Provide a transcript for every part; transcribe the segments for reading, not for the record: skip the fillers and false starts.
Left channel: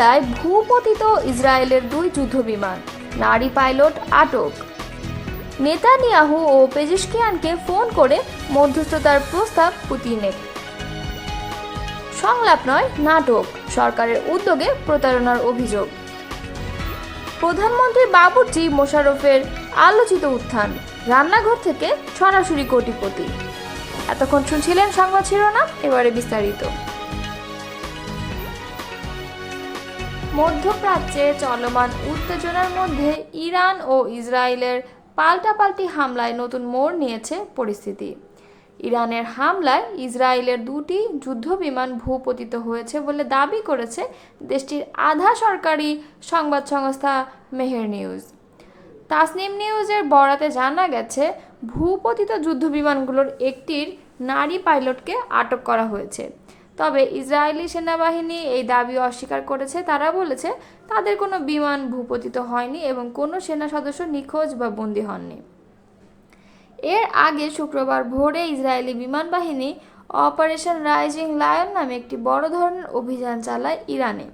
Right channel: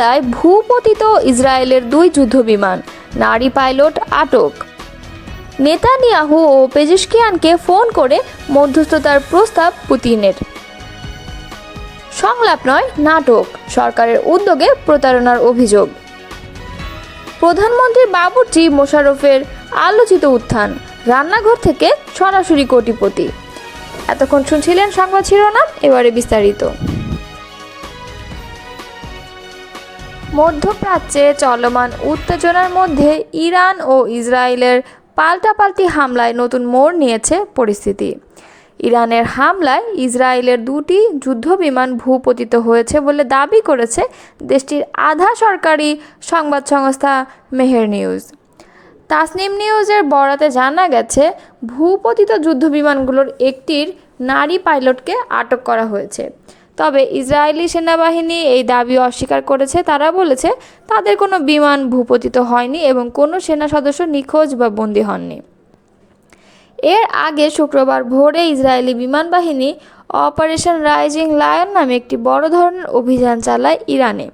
হামলায় ভূপতিত ইসরায়েলের 2 যুদ্ধবিমান, নারী পাইলট আটক। নেতানিয়াহু ও পেজেশকিয়ানকে ফোন করে মধ্যস্থতার প্রস্তাব পুতিনের। সংলাপ নয়, নাটক, সরকারের উদ্যোগে প্রতারণার অভিযোগ। প্রধানমন্ত্রী বাবুর্চি মোশাররফের আলোচিত উত্থান, রান্নাঘর থেকে সরাসরি কোটিপতি। এতক্ষণ শুনছিলেন সংবাদ শিরোনাম, এবারে বিস্তারিত। মধ্যপ্রাচ্যে চলমান উত্তেজনার মধ্যে ইরান ও ইসরায়েলের পাল্টাপাল্টি হামলায় নতুন মোড় নিয়েছে পরিস্থিতি। ইরানের হামলায় ইসরায়েলের 2টি যুদ্ধবিমান ভূপতিত হয়েছে বলে দাবি করেছে দেশটির আধা সরকারি সংবাদ সংস্থা মেহের নিউজ। তাসনিম নিউজের বরাতে জানা গেছে, ভূপতিত যুদ্ধবিমানগুলোর একটির নারী পাইলটকে আটক করা হয়েছে। তবে ইসরায়েলি সেনাবাহিনী এই দাবি অস্বীকার করেছে। তারা বলেছে তাদের কোনো বিমান ভূপতিত হয়নি এবং কোনো সেনা সদস্য নিখোঁজ বা বন্দী হননি। এর আগে শুক্রবার ভোরে ইসরায়েলি বিমান বাহিনী অপারেশন রাইজিং লায়ন নামে একটি বড় ধরনের অভিযান চালায় ইরানে।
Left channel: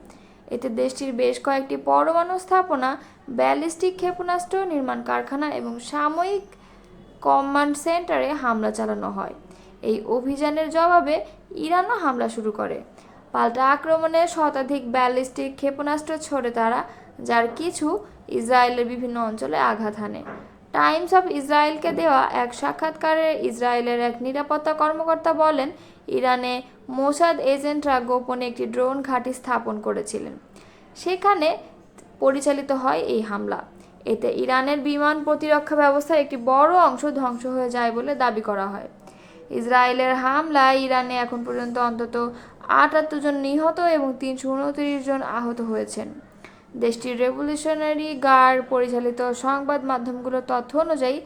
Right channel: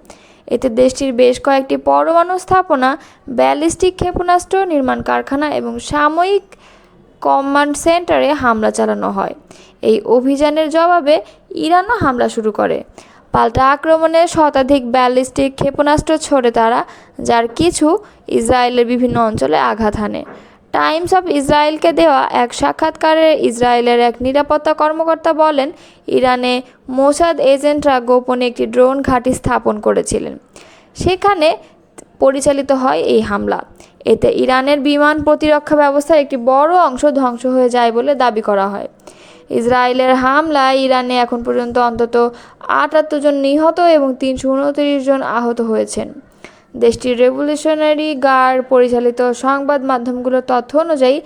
এতে দেশটির বেশ কয়েকটি পরমাণু স্থাপনা, ব্যালিস্টিক ক্ষেপণাস্ত্র নির্মাণ কারখানা এবং সাময়িক কমান্ড সেন্টারে হামলা চালানো হয়। এই অভিযানের জবাবে ইরানও হামলা শুরু করে। পাল্টা আক্রমণে শতাধিক ব্যালিস্টিক ক্ষেপণাস্ত্র ছোড়ে তারা, যার কিছু ইসরায়েলের বিভিন্ন অঞ্চলে আঘাত হানে। টাইমস অফ ইসরায়েলকে দেওয়া এক সাক্ষাৎকারে ইসরায়েলের এক নিরাপত্তা কর্মকর্তা বলেন, ইরানে মোসাদ এজেন্টরা গোপনে একটি ড্রোন ঘাঁটি স্থাপন করেছিলেন। সেখানে পরিচালিত হয় এই হামলা। এতে ইরানের বিমান প্রতিরক্ষা ব্যবস্থার একটি বড় অংশ ধ্বংস হয়ে যায় বলে দাবি করা হয়। ইসরায়েলের হামলায় ইরানে এখন পর্যন্ত অন্তত 78 জন নিহত এবং 329 জন আহত হয়েছেন। দেশটির রেভলিউশনারি গার্ড পরিচালিত সংবাদ মাধ্যমগুলোর তথ্য অনুযায়ী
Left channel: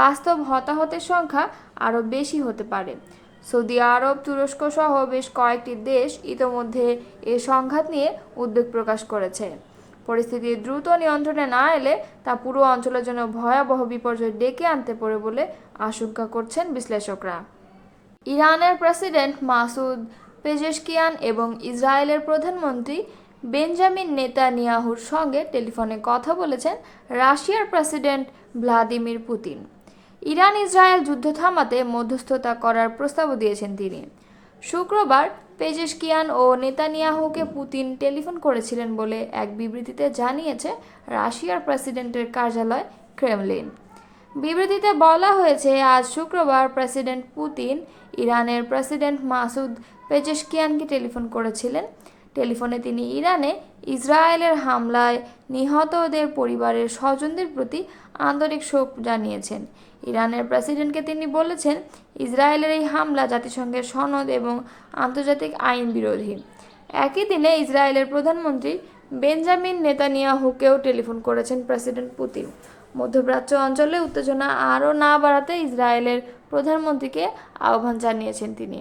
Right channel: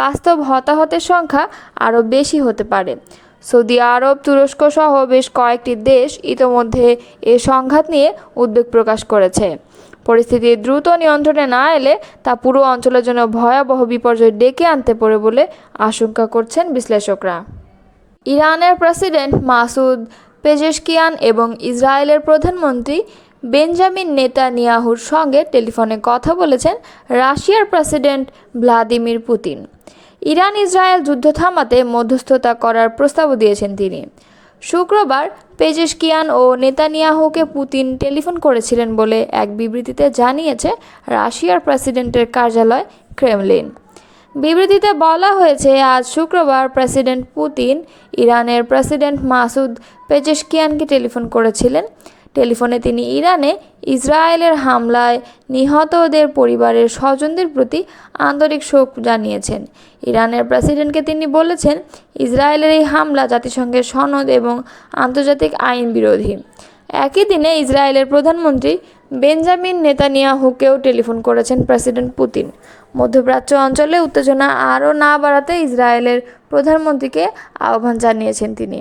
বাস্তব হতাহতের সংখ্যা আরও বেশি হতে পারে। সৌদি আরব, তুরস্ক সহ বেশ কয়েকটি দেশ ইতোমধ্যে এ সংঘাত নিয়ে উদ্বেগ প্রকাশ করেছে। পরিস্থিতি দ্রুত নিয়ন্ত্রণে না এলে তা পুরো অঞ্চলের জন্য ভয়াবহ বিপর্যয় ডেকে আনতে পারে বলে আশঙ্কা করছেন বিশ্লেষকরা। ইরানের প্রেসিডেন্ট মাসুদ পেজেশকিয়ান এবং ইসরায়েলের প্রধানমন্ত্রী বেঞ্জামিন নেতানিয়াহুর সঙ্গে টেলিফোনে কথা বলেছেন রাশিয়ার president Vladimir Putin. Iran Israel যুদ্ধ থামাতে মধ্যস্থতা করার প্রস্তাবও দিয়েছেন তিনি। শুক্রবার পেজেশকিয়ান ও নেতানিয়াহুকে পুতিন টেলিফোন করেছিলেন বলে এক বিবৃতিতে জানিয়েছে রাশিয়ার প্রেসিডেন্টের কার্যালয় ক্রেমলিন। বিবৃতিতে বলা হয়েছে, আজ শুক্রবার প্রেসিডেন্ট পুতিন ইরানের প্রেসিডেন্ট মাসুদ পেজেশকিয়ানকে টেলিফোন করেছিলেন। টেলিফোনে তিনি ইরানে ইসরায়েলের হামলায় নিহতদের পরিবারের স্বজনদের প্রতি আন্তরিক শোক জানিয়েছেন। ইরানের প্রেসিডেন্টকে তিনি বলেছেন, ইসরায়েলের এই হামলা জাতিসংঘের সনদ এবং আন্তর্জাতিক আইন বিরোধী। একই দিনে ইসরায়েলের প্রধানমন্ত্রী বেঞ্জামিন নেতানিয়াহুকেও টেলিফোন করেছেন প্রেসিডেন্ট পুতিন। মধ্যপ্রাচ্য অঞ্চলে উত্তেজনা আরও না বাড়াতে ইসরায়েলের প্রধানমন্ত্রীকে আহ্বান জানিয়েছেন তিনি।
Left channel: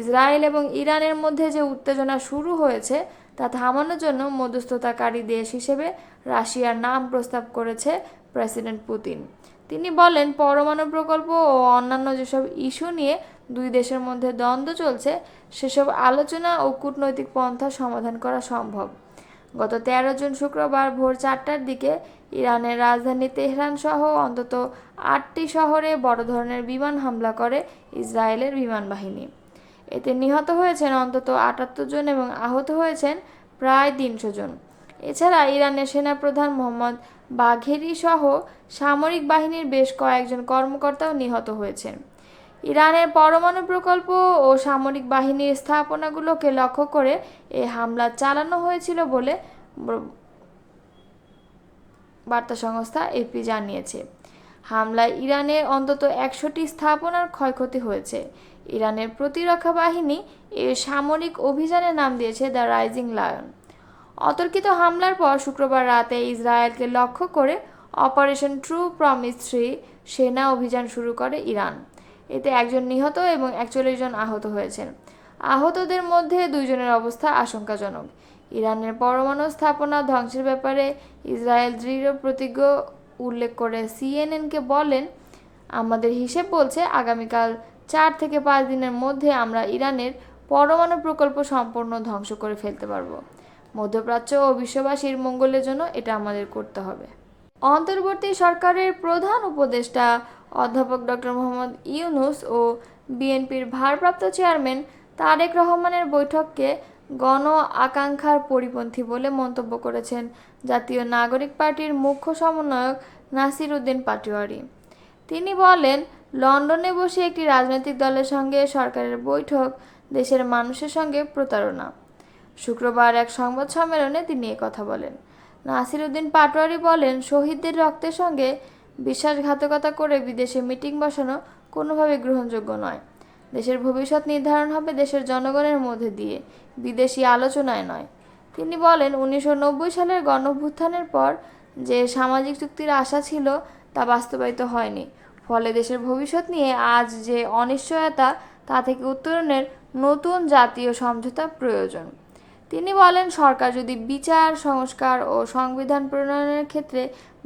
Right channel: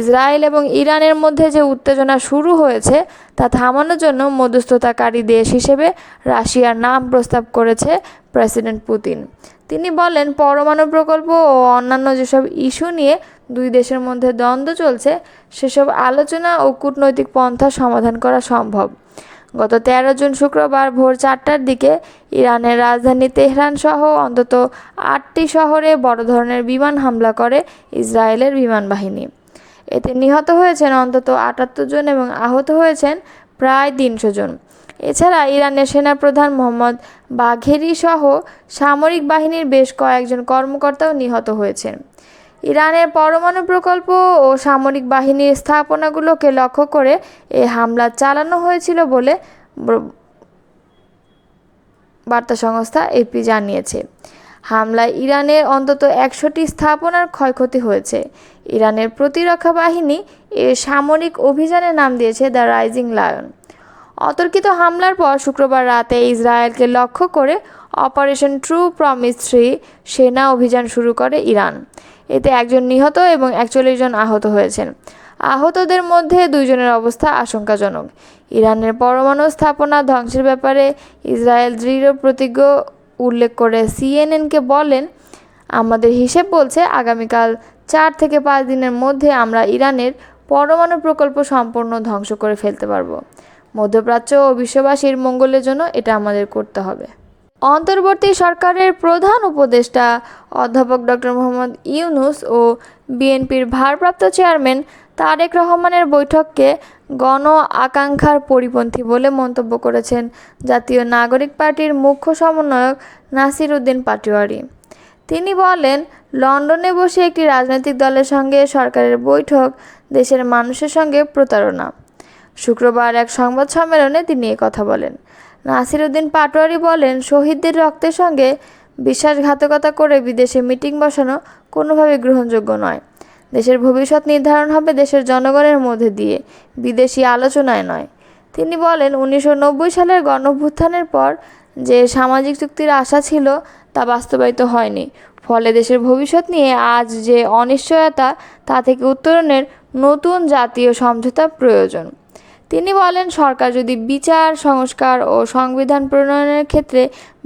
ইসরায়েল এবং ইরানের মধ্যে যে উত্তেজনা শুরু হয়েছে তা থামানোর জন্য মধ্যস্থতাকারী দেশ হিসেবে রাশিয়ার নাম প্রস্তাব করেছে প্রেসিডেন্ট পুতিন। তিনি বলেন, পরমাণু প্রকল্প ও অন্যান্য যেসব ইস্যু নিয়ে দুই দেশের মধ্যে দ্বন্দ্ব চলছে সেসব আলোচনা ও কূটনৈতিক পন্থা সমাধান করা সম্ভব। গত 13 জুন শুক্রবার ভোর 4টার দিকে ইরানের রাজধানী তেহরান সহ অন্তত 8টি শহরে বড় ধরনের বিমান হামলা করে ইসরায়েলের বিমান বাহিনী। এতে নিহত হয়েছেন অন্তত 78 জন এবং আহত হয়েছেন প্রায় 300 জন। এছাড়া ইরানের সেনাপ্রধান মোহাম্মদ বাঘেরি সহ সামরিক বাহিনীর বেশ কয়েকজন কর্মকর্তাও নিহত হয়েছেন। ইরানের পরমাণু প্রকল্প ও সামরিক বাহিনীর স্থাপনাগুলোকে লক্ষ্য করে এই হামলা চালানো হয়েছিল বলে বার্তা সংস্থা এপি জানিয়েছে। হামলায় ইরানের অন্তত 100টি স্থাপনার ক্ষয়ক্ষতি হয়েছে। ইরানের প্রতিরক্ষা বাহিনী এর সামরিক অভিযানের নাম দিয়েছে দ্য রাইজিং লায়ন। অতর্কিত হামলার পর শুক্রবার রাতে ইসরায়েলকে লক্ষ্য করে অপারেশন ট্রু প্রমিস 3 সেনা অভিযান শুরু করে ইরান। এতে 1 জন নিহত এবং 41 জন আহত হয়েছেন। আহতদের মধ্যে 2 জনের অবস্থা আশঙ্কাজনক। ইরানের পরমাণু স্থাপনা ধ্বংসের ব্যাপারে ইসরায়েল দৃঢ় প্রতিজ্ঞ উল্লেখ করে সিএনএনকে বলেন, আমাদের হিসেব বলছে আগামীকাল 4 থেকে 5 দিনের মধ্যে আমরা ইরানের পরমাণু প্রকল্প সম্পূর্ণ ধ্বংস করে ফেলতে পারব। মধ্যপ্রাচ্য ও বিশ্ববাসীর মঙ্গলের জন্য এটা আমাদের করতে হবে। অন্তর্বর্তী সরকারের প্রধান উপদেষ্টা অধ্যাপক ডক্টর মোহাম্মদ ইউনূস ও বিএনপির ভারপ্রাপ্ত চেয়ারম্যান তারেক রহমানের বৈঠককে গণ আকাঙ্ক্ষার পরিপন্থী বলে মন্তব্য করেছেন জাতীয় নাগরিক পার্টির মুখ্য সমন্বয়ক নাসির উদ্দিন পাটোয়ারী। তিনি বলেন, লন্ডনে বসে একটি রাজনৈতিক দলের সঙ্গে সরকারের বৈঠক দেশের মানুষের সঙ্গে প্রতারণা। শুক্রবার এক সংবাদ সম্মেলনে তিনি কথা বলেন। নাসির উদ্দিন পাটোয়ারী বলেন, শহীদদের রক্তের সঙ্গে বিশ্বাসঘাতকতা করে বিদেশে মিটিং বসানো কোনোভাবেই গ্রহণযোগ্য নয়। দেশের ভবিষ্যৎ নির্ধারণ হবে দেশের জনগণের মধ্যে দিয়ে, বিদেশি আলোচনায় নয়। তিনি বলেন, 1990 সালের গণঅভ্যুত্থানের পর যে সামাজিক চুক্তির আশা ছিল তা বাস্তবায়িত হয়নি। ফলে দেশের ভবিষ্যৎ নিয়ে আজ যে অনিশ্চয়তা, তা থেকে উত্তরণের নতুন জাতীয় সমঝোতা প্রয়োজন। তিনি বলেন, সরকার যদি বিচার, সংস্কার ও সংবিধান প্রণয়নের ক্ষেত্রে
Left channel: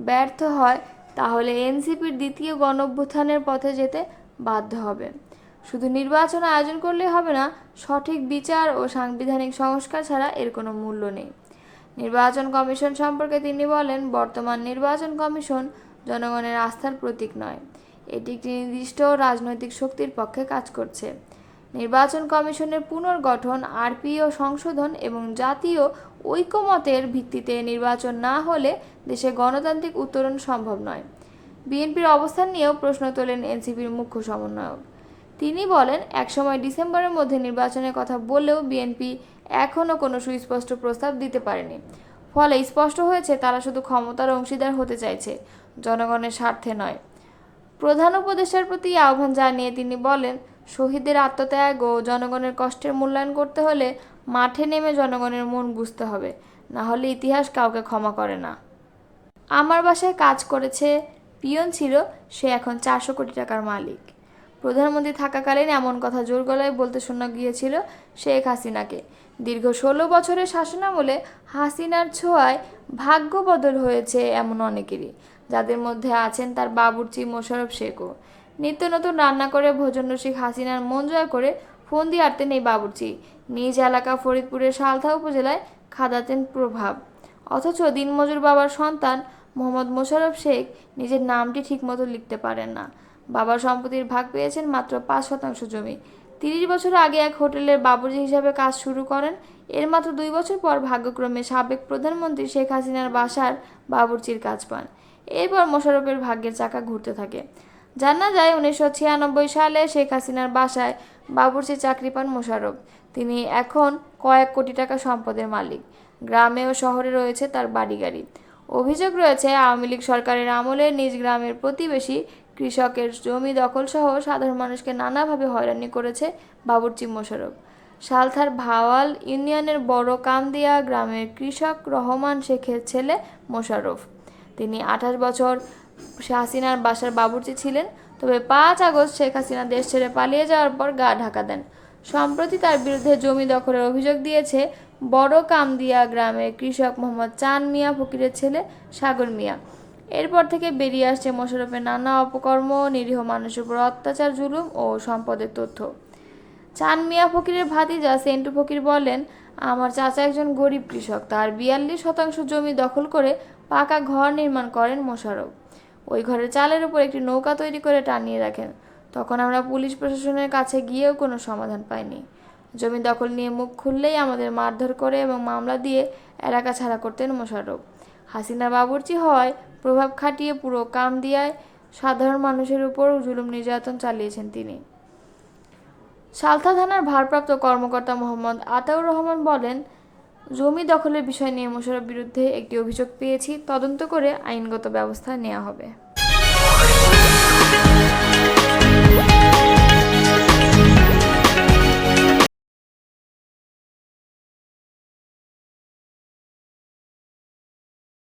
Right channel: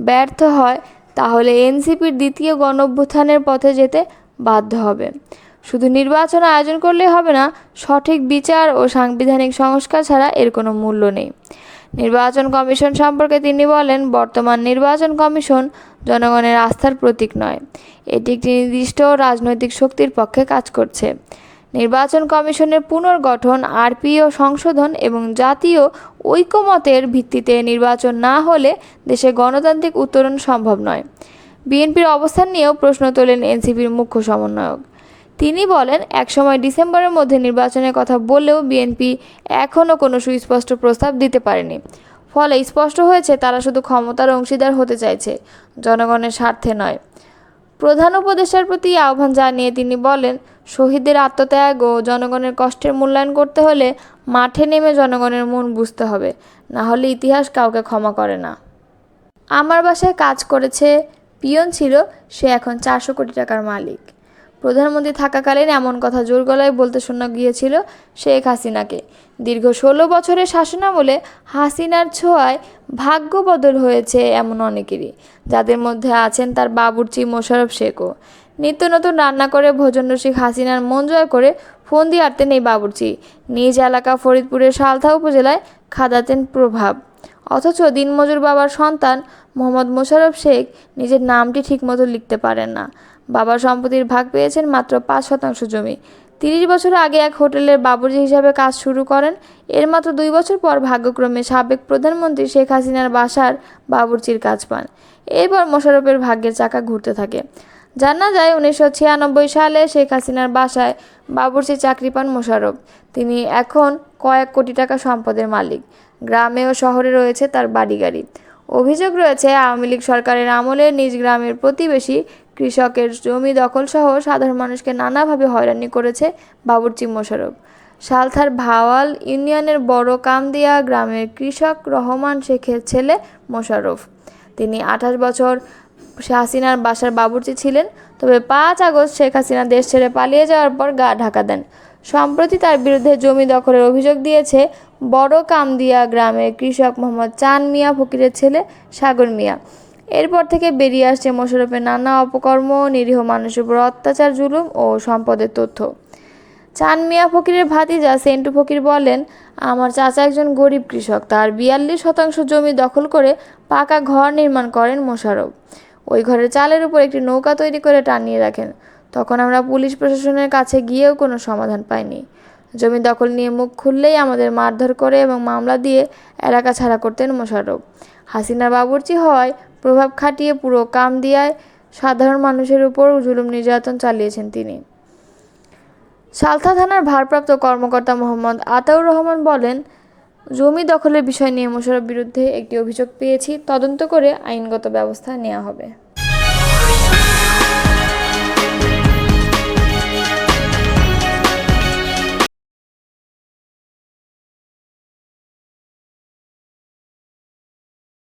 ব্যর্থ হয় তাহলে এনসিপির দ্বিতীয় গণঅভ্যুত্থানের পথে যেতে বাধ্য হবে। শুধু নির্বাচন আয়োজন করলেই হবে না, সঠিক বিচার ও সাংবিধানিক সংস্কার ছাড়া এর কোনো মূল্য নেই। নির্বাচন কমিশন সম্পর্কে তিনি বলেন, বর্তমান নির্বাচন কমিশন জনগণের আস্থার প্রতীক নয়, এটি একটি নির্দিষ্ট রাজনৈতিক শক্তির পক্ষে কাজ করছে। নির্বাচন কমিশনের পুনর্গঠন, আরপিও সংশোধন এবং জাতীয় ঐকমত্যের ভিত্তিতে নির্বাচন না হলে দেশে গণতান্ত্রিক উত্তরণ সম্ভব নয়। বিএনপির অবস্থান নিয়েও প্রশ্ন তোলেন এনসিপির মুখ্য সমন্বয়ক। তিনি বলেন, একসময় ডিসেম্বরের মধ্যে নির্বাচনের কথা বললেও বিএনপি এখনও কোনো সুস্পষ্ট প্রস্তাব দিতে পারেনি। ফলে স্পষ্ট হয়েছে তারা শুধু ক্ষমতার অংশীদার হতে চাইছে, জনগণের স্বার্থে নয়। প্রধান উপদেষ্টার প্রতি আহ্বান জানিয়ে তিনি বলেন, শহীদদের আত্মত্যাগ ও জনগণের কষ্টের মূল্যায়ন করতে হলে মাঠে নেমে জনগণের মন বুঝতে হবে, না হলে ইতিহাস কাউকে ক্ষমা করে না। আমার বাসায় কাজ করেছে, পিয়ন ছিল, সে এখন 400 কোটি টাকার মালিক। প্রধানমন্ত্রী থাকাকালীন এমন কথা জোর গলায় বলতে শোনা গিয়েছিল শেখ হাসিনাকে। দীর্ঘ 16 বছরের শাসনামলে হাসিনার ছোঁয়ায় ভাগ্য বদল হয়েছে এমন অনেকেরই, যাদের মধ্যে আছেন তার বাবুর্চি মোশাররফ শেখও। নিত্য নতুন রান্না করে ভোজনরসিক হাসিনার মন জয় করে ফোন দিয়ে আটতেন এই বাবুর্চি। নিজ এলাকা ফরিদপুরের সালথা উপজেলায় খাদাতেন প্রভাব। অথচ দিনমজুর বাবার সন্তান মোহাম্মদ মোশাররফ শেখ নিজের নামটি ঠিকমতো লিখতে পারেন না। বাবার সম্পত্তির ভাগ পেয়েছেন মাত্র 5% জমি। 30 বছর আগে এক হোটেলের বাবুর্চি হিসাবে কাজ শুরু করেন। এর মাত্র 2 বছর পর ভাগ্যক্রমে সাবেক প্রধানমন্ত্রী শেখ হাসিনার বাসার বাবুর্চির কাজ পান। এরপর মোশাররফের ভাগ্যের চাকা ঘুরতে থাকে। জানা যায় 1996 সালে শেখ হাসিনার বাসায় বাবুর্চির চাকরি পান মোশাররফ। তিনি এখন কয়েক কোটি টাকা সম্পদের মালিক। গ্রামে ও শহরে রয়েছে তার বাড়ি-গাড়ি। অভিযোগ রয়েছে, আওয়ামী লীগ সরকারের আমলে নিজ গ্রামের প্রতিবেশী কৃষকের জমি দখলসহ সাধারণ মানুষকে নানাভাবে হয়রানি করেছে বাবুর্চি মোশাররফ। সালথার ভাওয়াল ইউনিয়নের বড় কামদিয়া গ্রামের কৃষক রহমান শেখের ছেলে মোশাররফ। তিনি 28 বছর হাসিনার বাসার বাবুর্চি ছিলেন। তবে 5 আগস্ট শেখ হাসিনা দেশ ছেড়ে পালিয়ে যাওয়ার পর গা ঢাকা দেন। সম্প্রতি তার বিরুদ্ধে জমি দখলের অভিযোগ দিয়েছে বড় কামদিয়া গ্রামের কৃষক মোহাম্মদ চান মিয়া ফকিরের ছেলে সাগর মিয়া। এরপর থেকে বেরিয়ে আসছে মোশাররফের নানা অপকর্ম, নিরীহ মানুষের উপর অত্যাচার, জুলুম ও সম্পদের তথ্য। চান মিয়া ফকিরের ভাতিজা সেন্টু ফকির বলেন, আমার চাচা একজন গরিব কৃষক। তার 42% জমি দখল করে পাকা ঘর নির্মাণ করেন মোশাররফ। ওই ঘরের চালের উপর একটি নৌকা তৈরি করে টানিয়ে রাখেন। তখন আমরা পুলিশ প্রশাসনের কাছে গিয়েও কোনো সমাধান পাইনি। জমি দখল নিয়ে মুখ খুললেই আমাদের মারধর করে এবং মামলা দিয়ে এলাকা ছাড়া করতেন মোশাররফ। হাসিনার বাবুর্চি হওয়ায় প্রভাব খাটিয়ে পুরো কামদিয়ায় সাধারণ মানুষের উপর জুলুম নির্যাতন চালিয়েছেন তিনি। সালথা থানার ভারপ্রাপ্ত কর্মকর্তা মোহাম্মদ আতাউর রহমান বলেন, জমি দখলের বিষয় নিয়ে মোশাররফের বিরুদ্ধে একটি অভিযোগ পেয়েছি, তদন্ত করে আইনগত ব্যবস্থা নেওয়া হবে।